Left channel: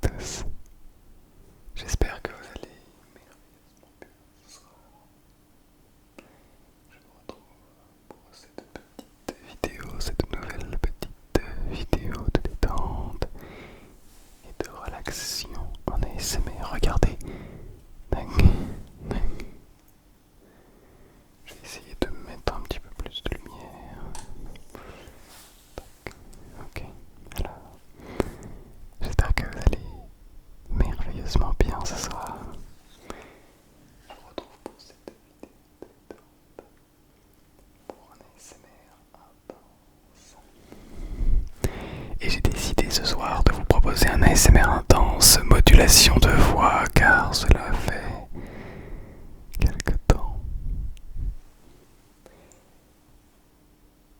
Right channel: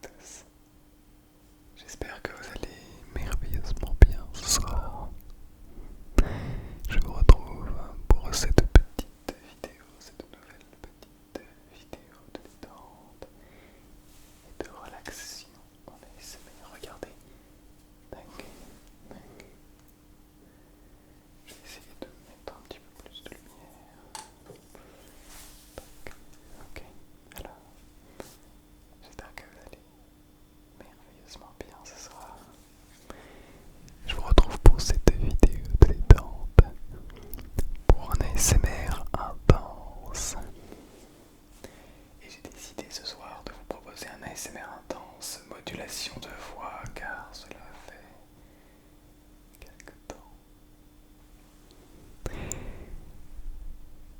tous, j'espère que vous allez merveilleusement bien ce soir. Je vous retrouve pour cette petite vidéo, cette nouvelle petite vidéo de détente et de relaxation en ASMR. Regardez, tac, tac. Je vais essayer de mettre un petit peu plus de lumière. Tac. Ok, alors j'espère que vous allez merveilleusement bien ce soir. Je vous retrouve pour cette vidéo de détente, pour un ASMR intense. Et j'ai décidé ce soir de vous proposer un ASMR intense, modulation de voix, car cela fait quelque temps.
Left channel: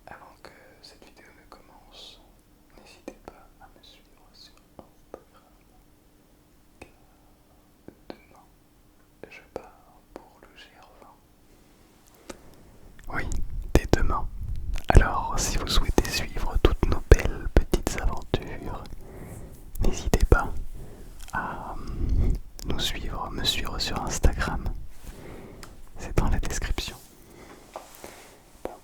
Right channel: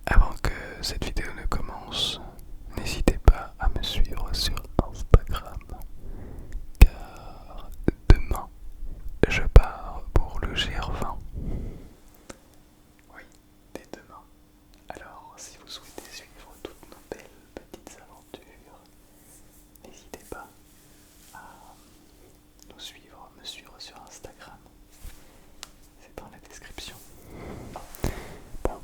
Avant que cette vidéo ne commence, n'hésitez pas à me suivre sur Instagram, car demain, je pars pour le GR20. Oui, dès demain. Alors, si vous souhaitez suivre toutes nos belles petites aventures, n'hésitez pas à nous suivre, me suivre sur Instagram. C'est dans la description. Bon,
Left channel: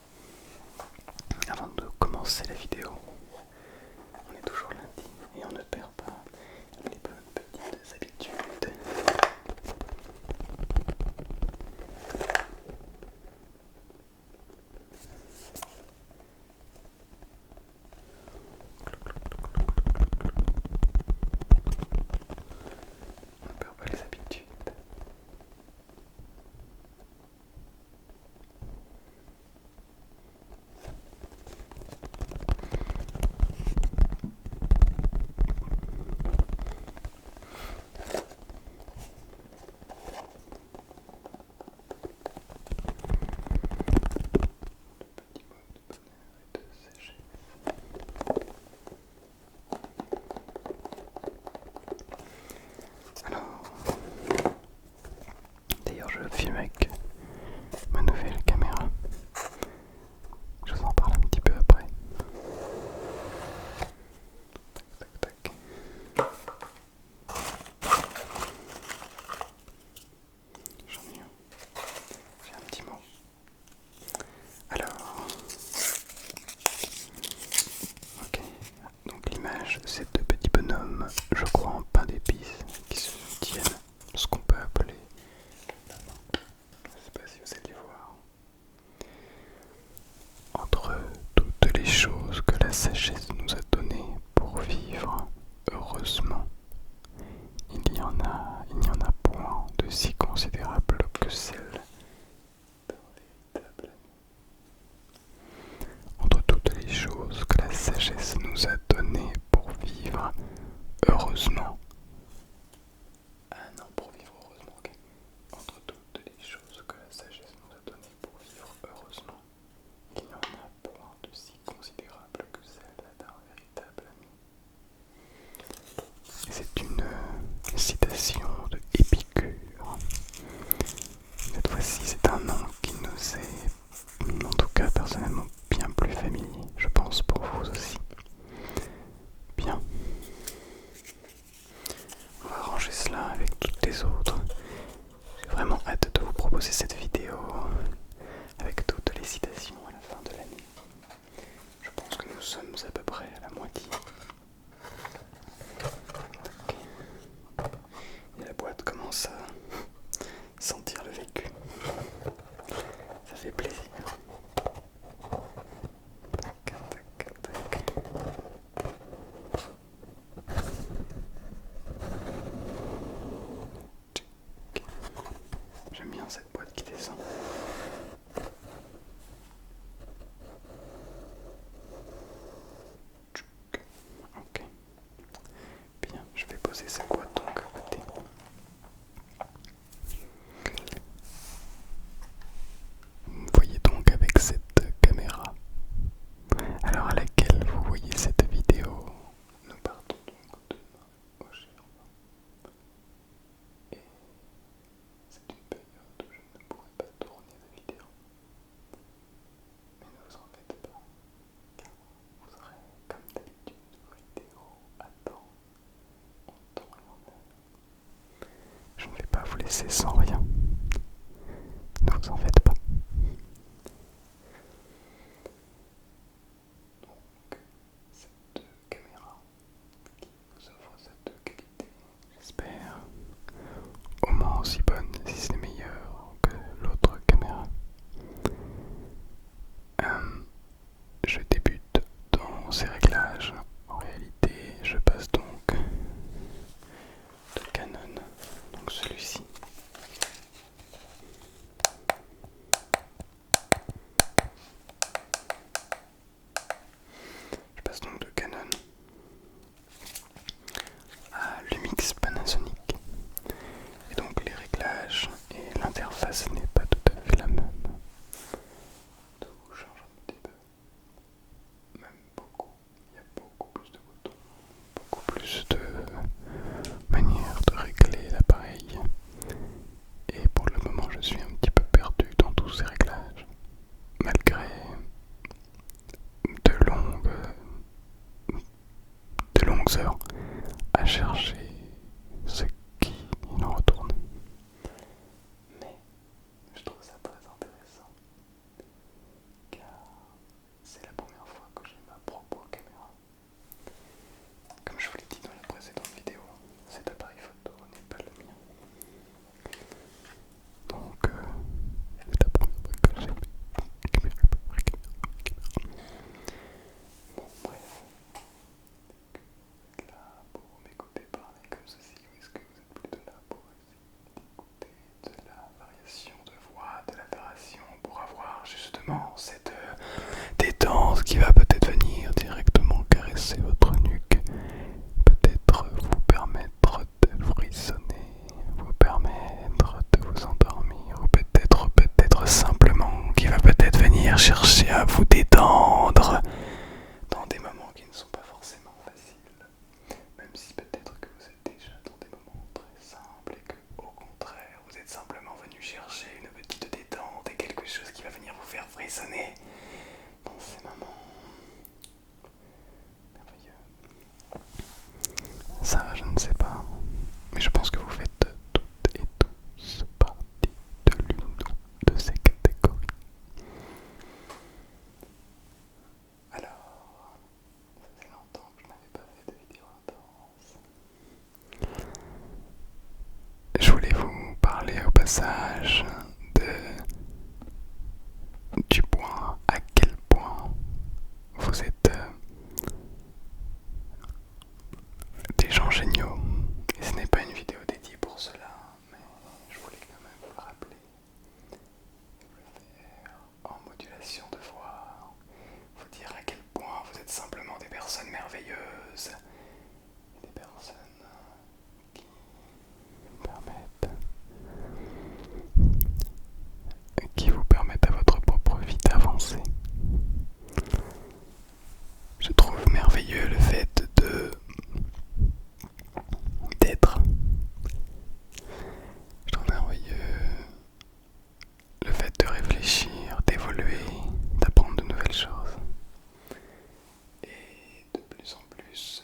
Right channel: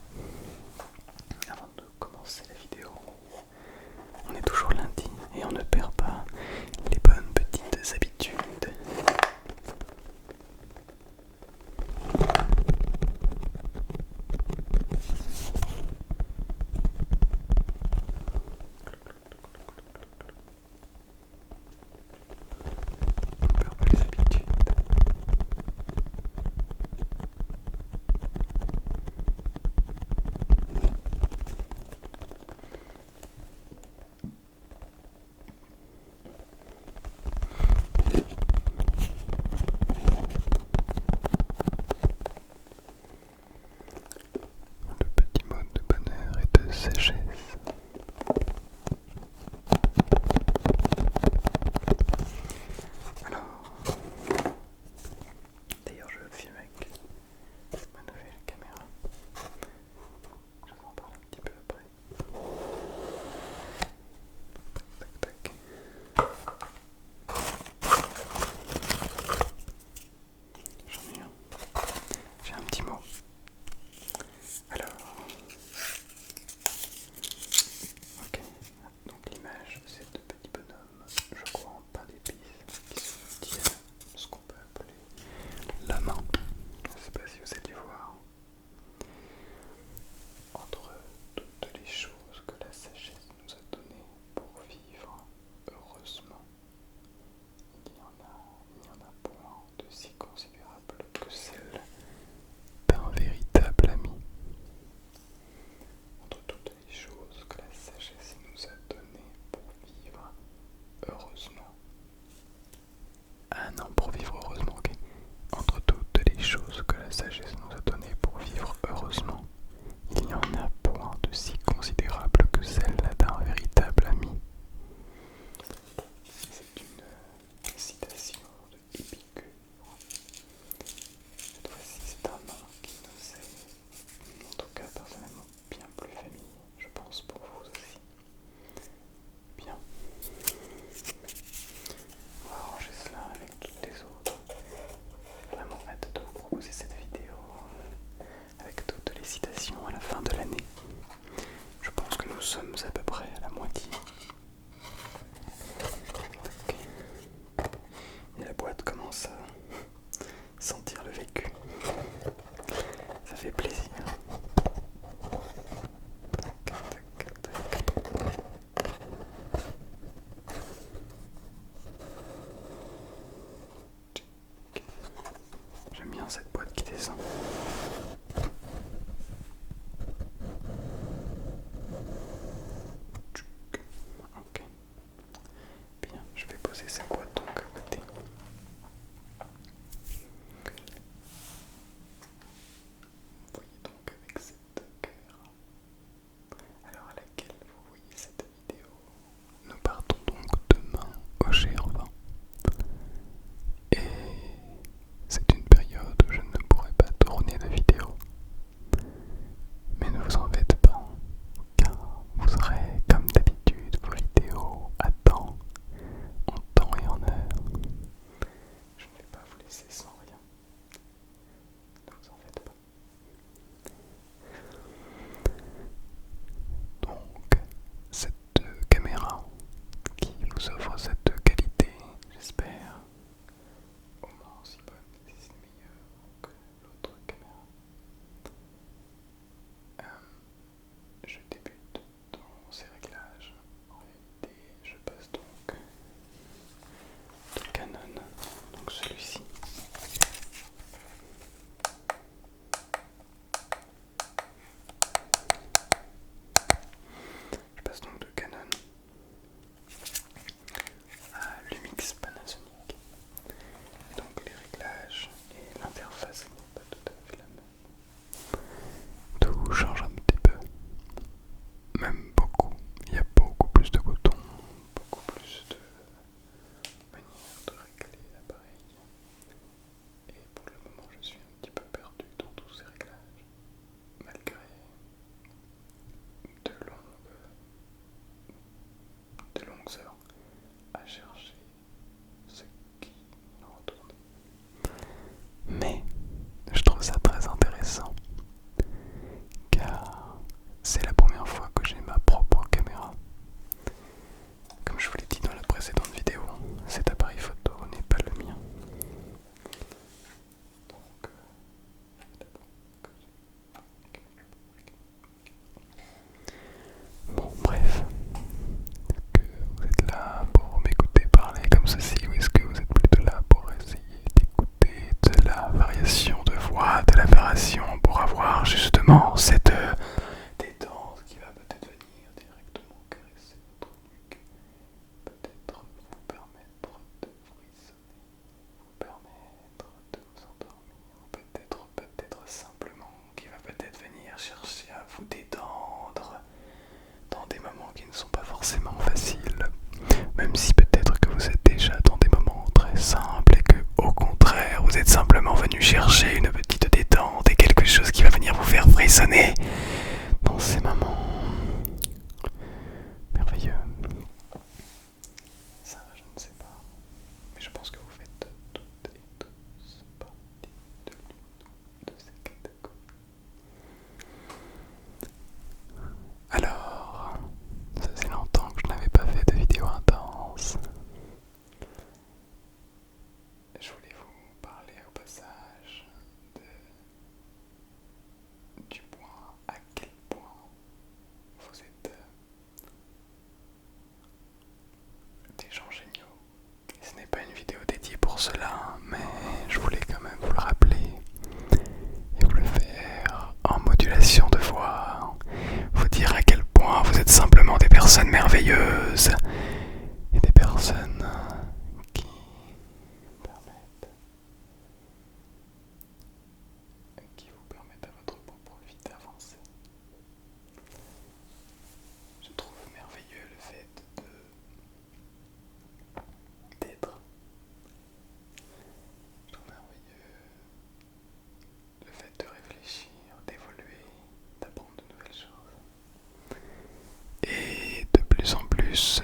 avant de commencer la vidéo, on est toujours lundi et on ne perd pas les bonnes petites habitudes. On ne perd pas les habitudes. Le petit mot de bonheur et de sagesse. Alors, d'ailleurs je filme avec ma nouvelle caméra. Je vous en parle un petit peu après. Tac, tac. J'en ai un. J'ai un petit mot. Alors, ok. Donc l'image, c'est deux petits bonhommes, je crois en pain d'épices, qui se tiennent ce qu'on peut appeler la main. Je ne sais pas si vous allez voir. Entre toutes les choses que la sagesse nous a données pour vivre heureusement, il n'y en a point de si considérable que celle d'un véritable ami. Entre toutes les choses que la sagesse nous a données pour vivre heureusement. Ah non, pour vivre heureusement, ok. Entre toutes les choses que la sagesse nous a données pour vivre heureusement, il n'y en a point de si considérable que celle d'un véritable ami. C'est une citation de Épicure. Cette fois-ci, c'est un nom qui nous est, en tout cas personnellement, bien plus familier, je pense pour vous aussi. Bien. On va ranger cela avec toutes les autres. J'ai vraiment hâte de vous proposer cette vidéo avec toutes les citations à la fin de l'année. Je pense que nous sommes à peu près à la moitié. Ok. Et la boîte commence à sentir le vécu. Ça fait plaisir. Tac, tac, tac. J'aime bien cette boîte qui descend. laisser sans rien. Ne vous en faites pas. Donc, cette caméra qui vous offre cette qualité, j'espère, au moins aussi bonne, si ce n'est meilleur que l'autre caméra. Je débute dans ces réglages. En réalité, je passe donc de Canon, donc celui-ci. Je passe donc de Canon à Lumix Panasonic. Et donc les réglages et l'interface n'est pas tout à fait la même. Tout change un petit peu. Même beaucoup. Il y a beaucoup plus de boutons, beaucoup plus de manières de régler l'appareil. Et pour le moment, je suis un petit peu perdu dans tous ces réglages. Malgré de longues heures à chercher ce qui nous retourne. Mais je trouve ça très intéressant car c'est la première fois que j'ai ma propre caméra. Comme je vous l'ai dit dans la précédente vidéo, cet appareil photo n'est pas le mien. Donc c'est la première fois que j'ai ma caméra. Bon, bref. Est-ce que vous êtes là pour m'écouter parler comme ceci ou est-ce que vous êtes plutôt là pour essayer d'écouter de la variation de voix, de la narration pour avoir justement cette détente qui va peut-être venir directement caresser votre nuque, peut-être vous permettre de frissonner, vous permettre de vous endormir ou peut-être simplement qui va peut-être venir chercher à vous détendre dans des moments qui ne sont pas forcément faciles, même si peut-être que vous êtes déjà dans des moments très simples et que au contraire vous êtes simplement venu chercher une petite détente et quelque chose qui va venir vous faire frissonner dans ces moments merveilleux. Ça, je ne sais pas, mais je pense que vous faites toutes et tous partie de l'une de ces catégories. Alors, ça faisait longtemps que je n'avais pas fait de vidéo intense. Je voulais vous parler au passage du point à quel point vous êtes des gens géniaux. Et ce n'est pas une vidéo dédiée pour cela, mais je voulais quand même vous le rappeler et vous le faire en modulation de voix. Vous dire à quel point vous êtes simplement des personnes merveilleuses et des personnes qui vous permettent à votre propre vie d'avancer. Je trouve merveilleux le fait d'être. Je trouve merveilleux le fait de réfléchir, d'évoluer, d'apprendre de nouvelles choses. Et de plus en plus,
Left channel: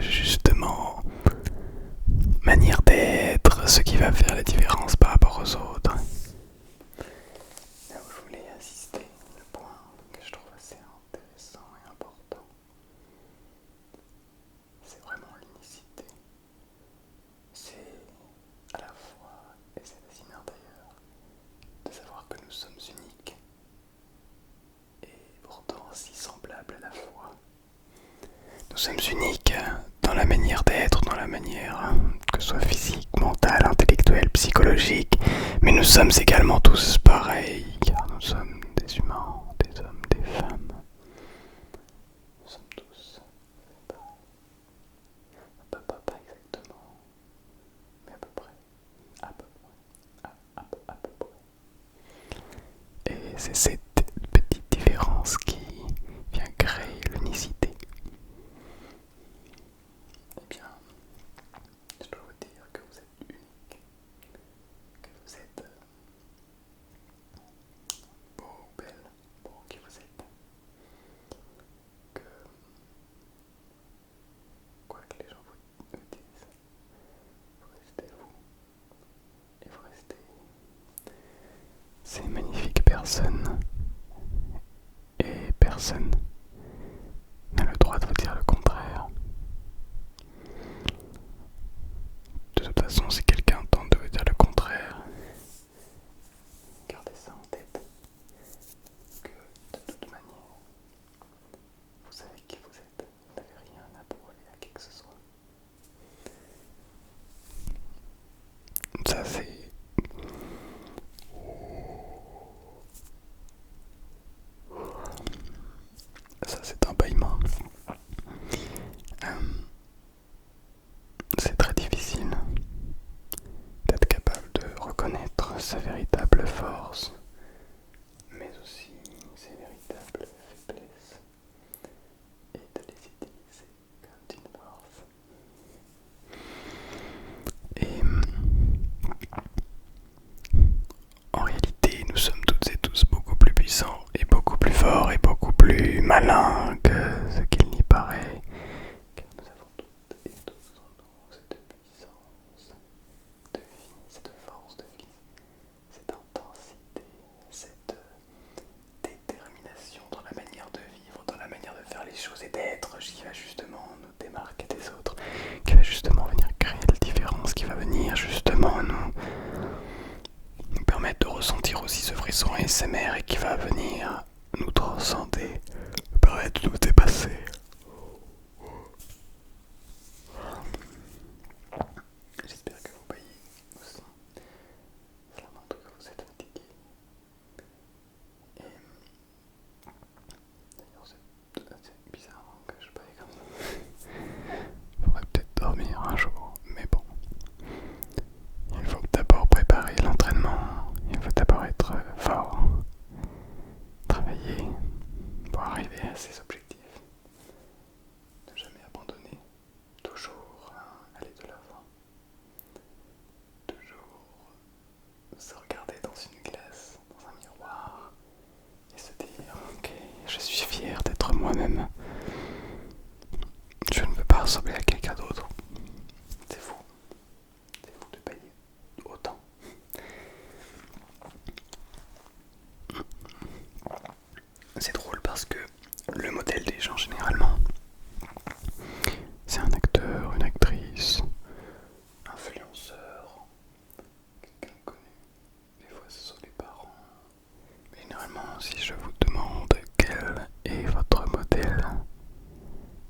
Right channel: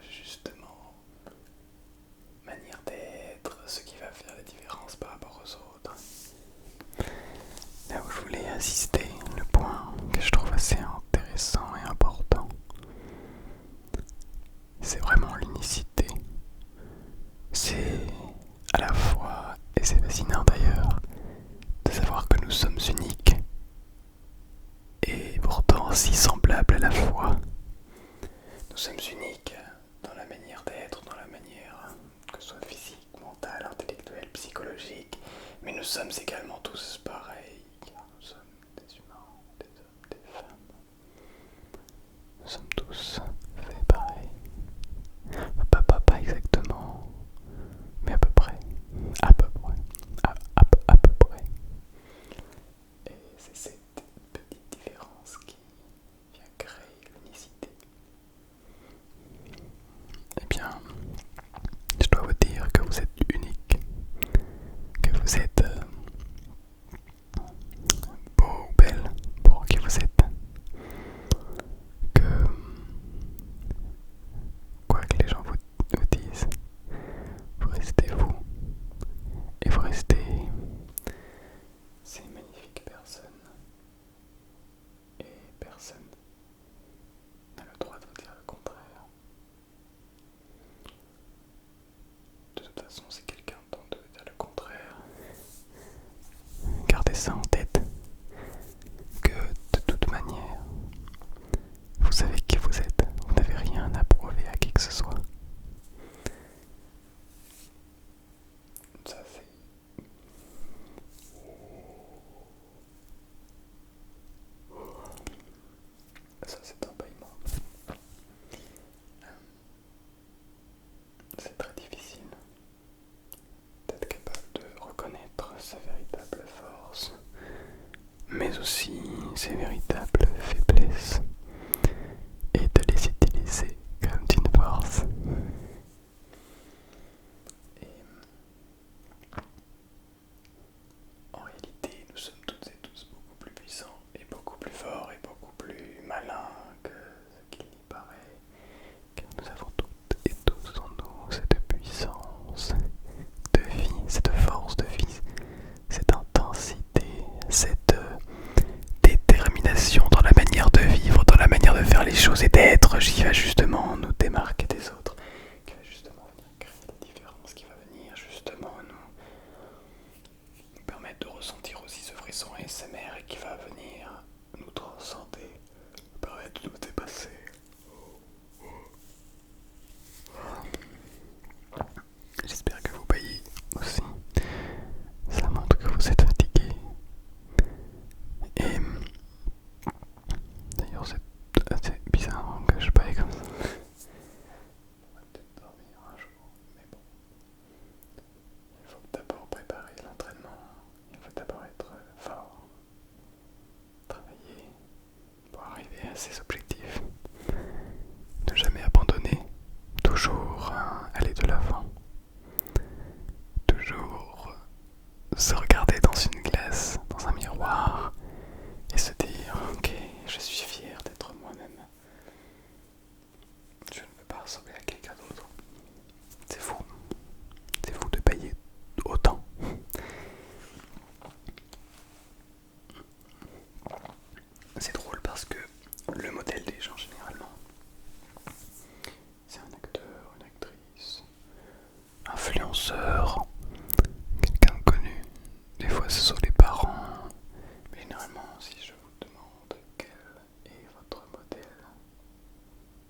justement manière d'être, ce qui va faire la différence par rapport aux autres. Là où je voulais insister, le point que je trouve assez intéressant et important, c'est vraiment l'unicité. C'est à la fois, et c'est fascinant d'ailleurs, de savoir que nous sommes uniques et pourtant si semblables à la fois. Nous sommes uniques dans la manière d'être, dans la manière que ce soit physique, mentale, intellectuelle, psychologique, mais nous sommes également tous pareils, car nous sommes des humains, des hommes, des femmes. Nous sommes tous faits pareil. Pas exactement, mais à peu près. À peu près. À peu près. Et c'est cette petite différence qui vient créer l'unicité. Eh bien, je dois vous dire que vous êtes unique, que vous êtes beau ou belle pour qui vous êtes, que quoi que les gens vous disent, vous restez vous, et vous restez ces magnifiques personnes, et personne n'a le droit de vous dire le contraire. De toute façon, si quelqu'un tente de vous dire le contraire, gardez ça en tête, que de toute manière, vous savez qui vous êtes, vous n'avez rien à prouver à qui que ce soit. Ça c'est un bâillement. C'est très difficile d'être capable de reconnaître sa véritable force, mais aussi ses véritables faiblesses, et de les utiliser comme d'une force. Et en réalité, nous sommes toutes et tous beaucoup plus puissants, et beaucoup plus forts, et beaucoup plus malins que ce qu'il n'y paraît, car nous avons toutes et tous en nous cette puissance de vie, cette force de vie, cette intensité, cette détermination dans la manière de vivre, dans la manière de faire les choses et d'être, qui va justement nous démarquer des autres, qui va justement venir créer la différence, qui va venir justement nous permettre de ressentir aussi ce frisson ASMR et qui va venir nous transcender, permettre de nous dépasser. J'espère que vous baillez aussi. Ça montre que vous êtes fatigué. Et d'ailleurs, c'est assez bizarre que je baille comme ça. Faudrait peut-être dormir un jour, mais bon. Il faut d'abord préparer l'entraînement. Il faut d'abord être fort, travailler pour arriver à ses objectifs. Ne jamais abandonner, toujours aller de l'avant, toujours se regarder dans une glace, dans un miroir et se dire ok, je suis fier d'être moi-même. Je ne veux pas ressembler à quelqu'un d'autre. C'est fou de payer autant. C'est drôle parce que le modèle des gens généralement, c'est un acteur, une actrice, influenceur, quelqu'un de connu. Des fois ce sont les parents. Mais généralement, si je vous demande quel est votre modèle,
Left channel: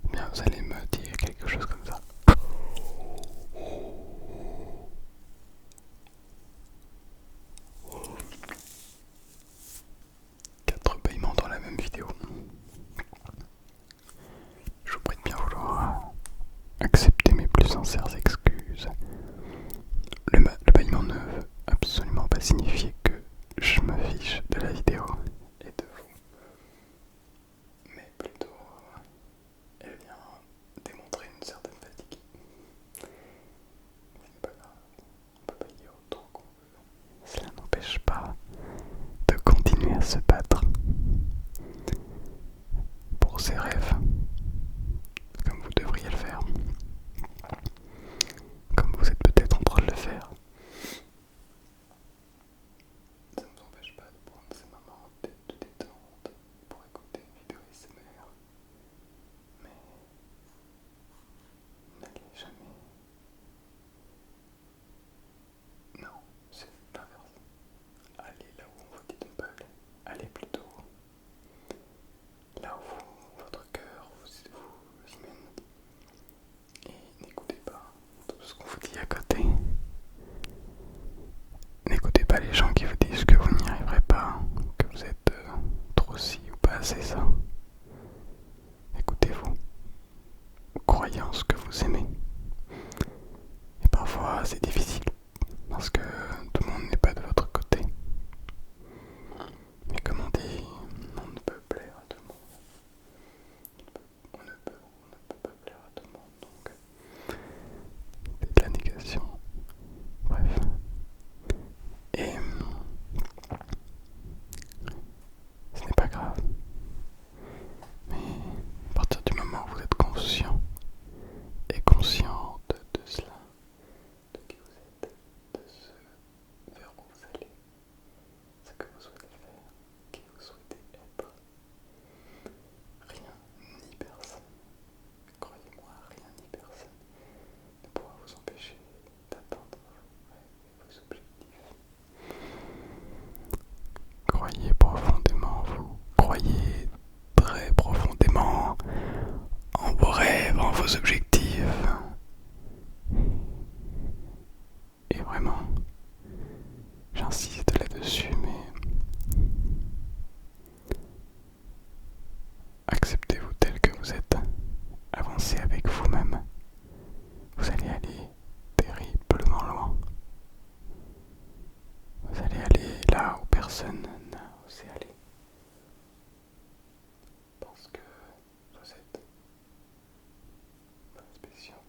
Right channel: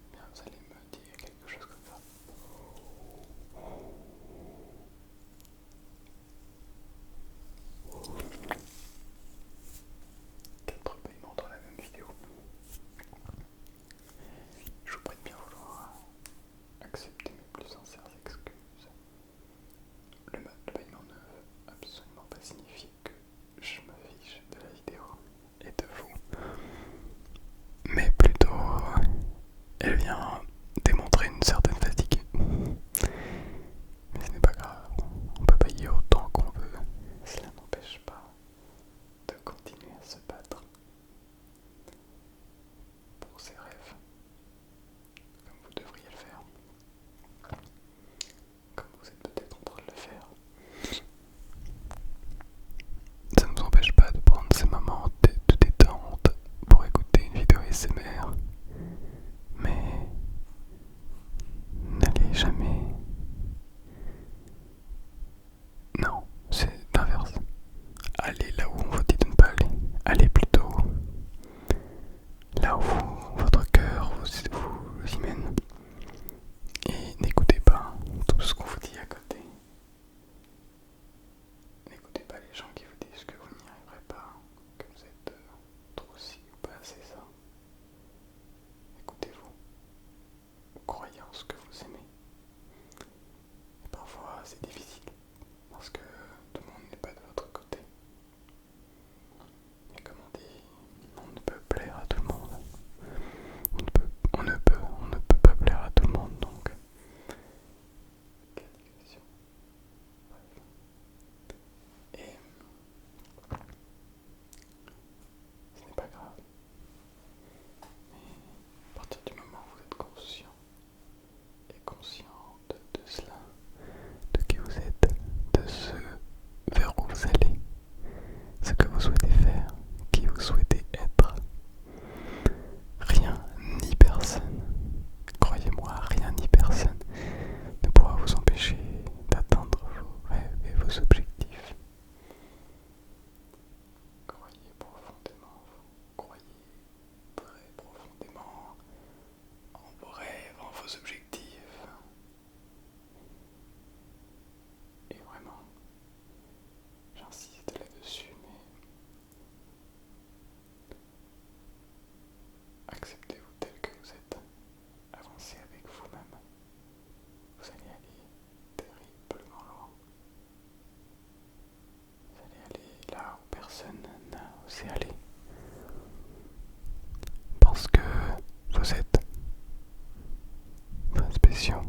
eh bien vous allez me dire quelque chose comme ça. Quatre bâillements dans la même vidéo. Je vous prie de bien vouloir accepter mes plus sincères excuses. Le bâillement ne veut absolument pas signifier que je me fiche de la vidéo et de vous, mais plutôt elle vient démontrer une certaine fatigue. Mais ce n'est pas grave, on peut bailler autant qu'on veut, cela n'empêche pas de continuer à se battre pour ses rêves, comme vous devriez le faire. croyez en ce que vous aimez. Et parfois c'est difficile parce que tout le monde n'est pas de votre côté. Mais comme on dit, on ne peut plaire à tout le monde. On ne peut pas plaire à tout le monde, donc c'est de la négation. Bref. Et ce n'est pas grave. Mais à partir du moment où vous êtes conscient et consciente de cela, de qui vous êtes, de ce vers où vous allez, ce que vous souhaitez faire, qui vous souhaitez être, rien ni personne, croyez-moi, rien ni personne ne pourra vous empêcher d'atteindre vos rêves et vos objectifs. Croyez profondément en vous, croyez très profondément en vos rêves, en vos objectifs. Et vraiment, j'insiste là-dessus, mais acceptez-vous tel que vous êtes, avancez avec vous-même, vous allez aller terriblement loin. Vous allez aller là où personne n'a osé aller. Parce que vous êtes très spéciaux.